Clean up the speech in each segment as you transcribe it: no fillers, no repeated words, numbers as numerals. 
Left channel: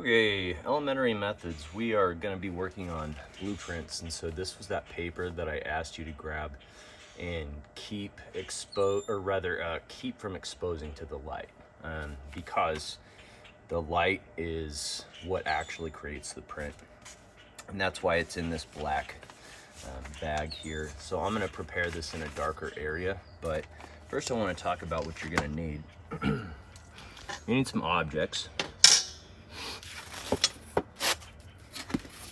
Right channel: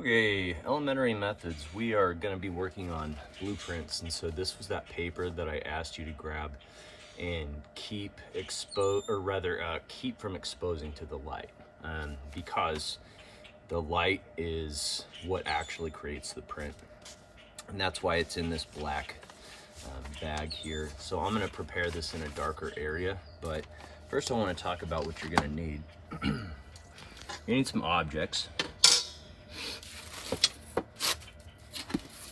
Okay, elementary methods. We are going to be working on blueprints, and so this was that paper that I asked you to grab and keep from exposing to the light, because the light is what actually creates the print, and that's why it's in this black bag here. So I'm going to prepare this in a darker area, but first I want to talk about what you're going to need. You need some objects.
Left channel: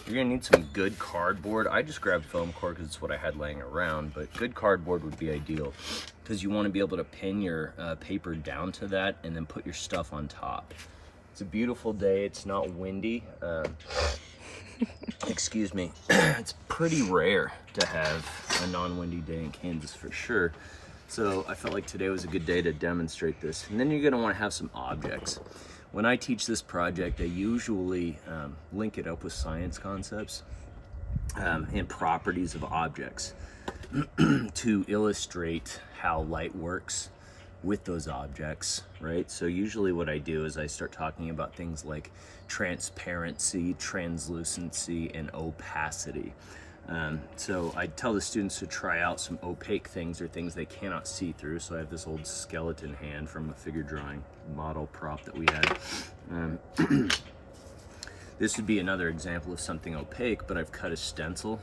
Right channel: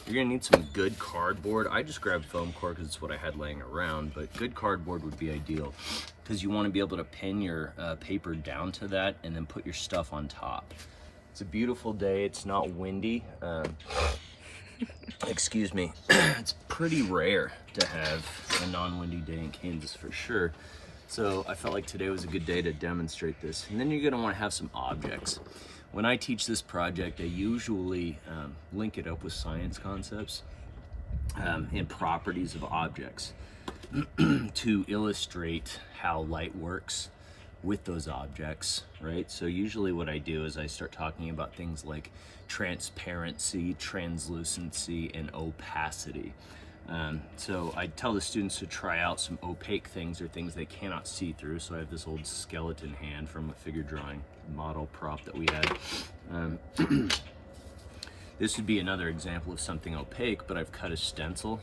You're gonna need some good cardboard. I just grabbed foam core because it's what I had laying around, but good cardboard would be ideal because you want to be able to pin your paper down to that and then put your stuff on top. It's a beautiful day. It's not windy. Excuse me. It's pretty rare to have a non-windy day in Kansas for sure. So I felt like today was a good day to demonstrate this. And then you're gonna want to have some objects. When I teach this project, I usually link it up with science concepts and properties of objects to illustrate how light works with those objects, right? So usually what I do is I start talking about things like transparency, translucency, and opacity. So I tell the students to try out some opaque things or things they cannot see through. So I have this old skeleton hand from a figure drawing model prop that we had. This would be another example of something opaque, but I've cut a stencil.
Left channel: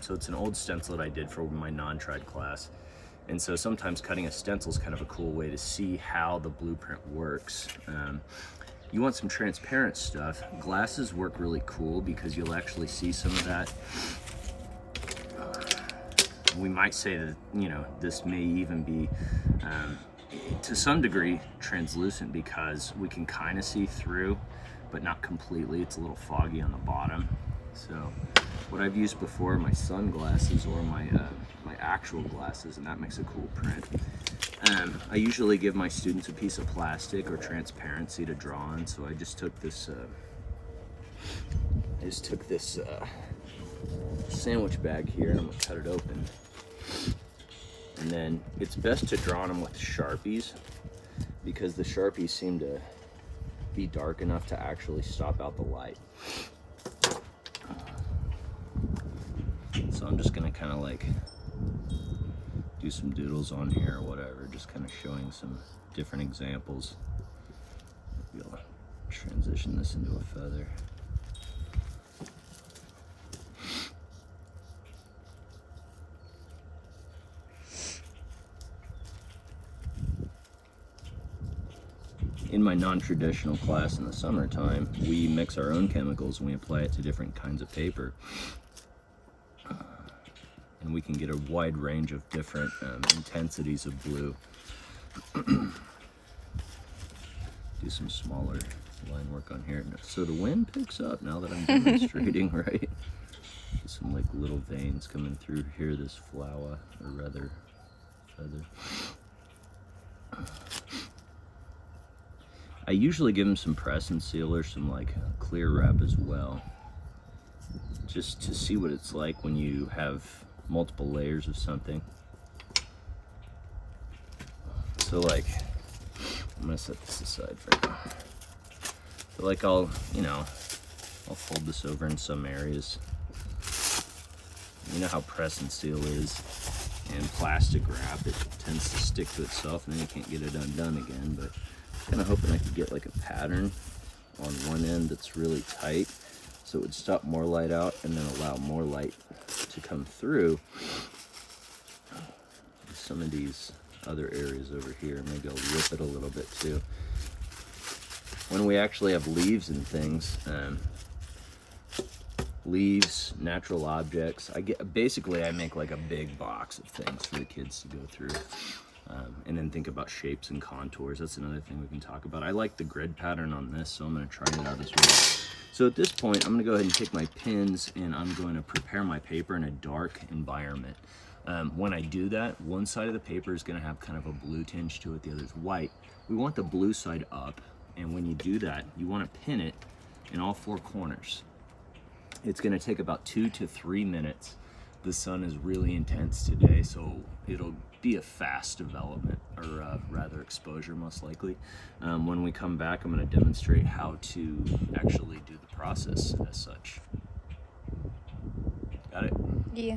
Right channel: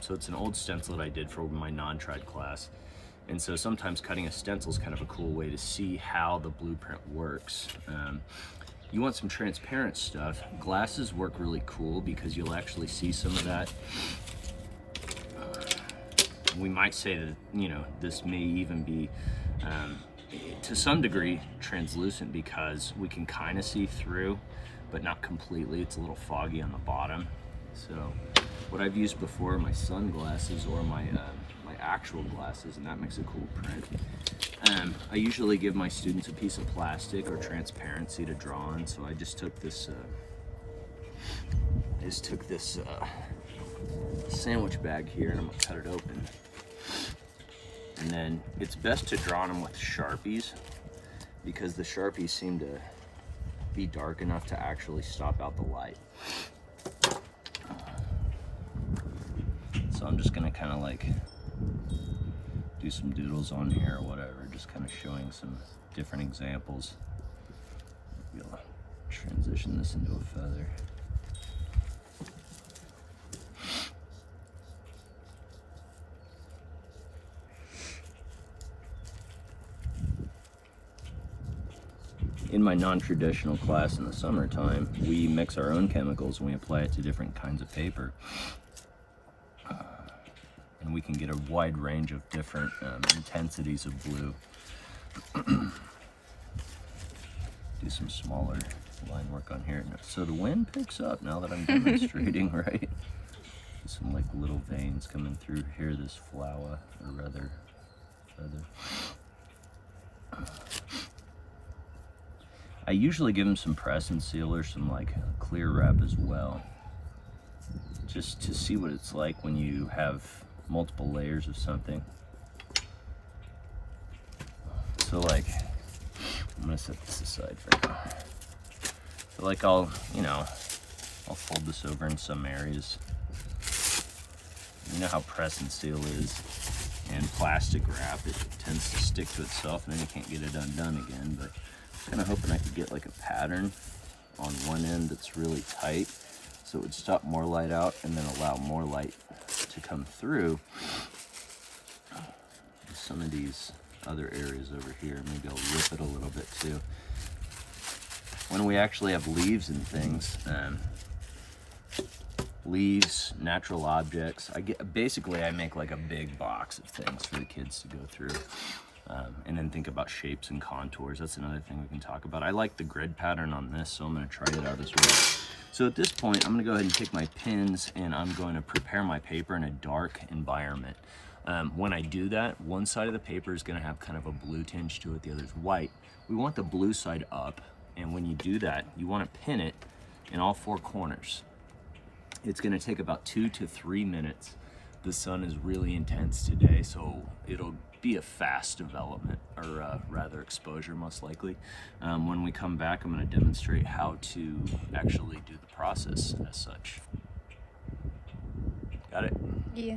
So it's an old stencil that I did for my non-trad class. And so sometimes cutting a stencil is kind of a cool way to see how the blueprint works. You want some transparent stuff. Glasses work really cool because you'll actually see some of that. We might say that, you know, this may even be, to some degree, translucent because we can kind of see through, but not completely. It's a little foggy on the bottom. So what I've used before are my sunglasses or my actual glasses, and that makes a cool print. I usually give my students a piece of plastic or transparency to draw on, so I just took this sandwich bag here, and I'm gonna cut it open. And then it's best to draw on them with Sharpies because the Sharpies seem to be dark enough to actually stop out the light. So I'm just gonna kind of like do some doodles on here or whatever, just kind of showing some different examples. Maybe I'll transition this into a feather. In my non-traditional class in the summertime, we mix our own chemicals and we apply it to different kinds of paper. And we can get a wide range of different intensities of blue. Do some smaller line work on here. So the wind picks up now that I'm demonstrating, right? Some like little veins coming through here, this flower, or rather feather. I usually give them some press and seal or some like clear wrap as well, just to see what it's like when you have multiple layers of something. So like, I'm gonna set this aside for now. So like I'll fold this over in some areas. You know how press and seal is, and plastic wrap, it tends to stick to itself and then you can't get it undone again, but kind of hoping I could get like a pattern on one end that's really tight so it would stop more light out and then allow more light to come through. Some of these other areas over here, maybe I'll rip it a little bit too. When we actually have leaves and things, leaves, natural objects, I make like a big box of things for the kids to go through. And then think about shapes and contours. That's another thing we can talk about. I like the grid pattern on this, so I'm going to try it out this way. So at this point, I'm going to go ahead and take my pins and I'm going to prepare my paper in a dark environment. When I do that, one side of the paper is going to have kind of a blue tinge to it, the other is white. We want the blue side up, and when you do that, you want to pin it in all four corners. It's going to take about 2 to 3 minutes. The sun is really intense today, so it'll be a fast development, or rather exposure most likely. When we come back, I'm going to demonstrate how to actually do the process as such. Got it?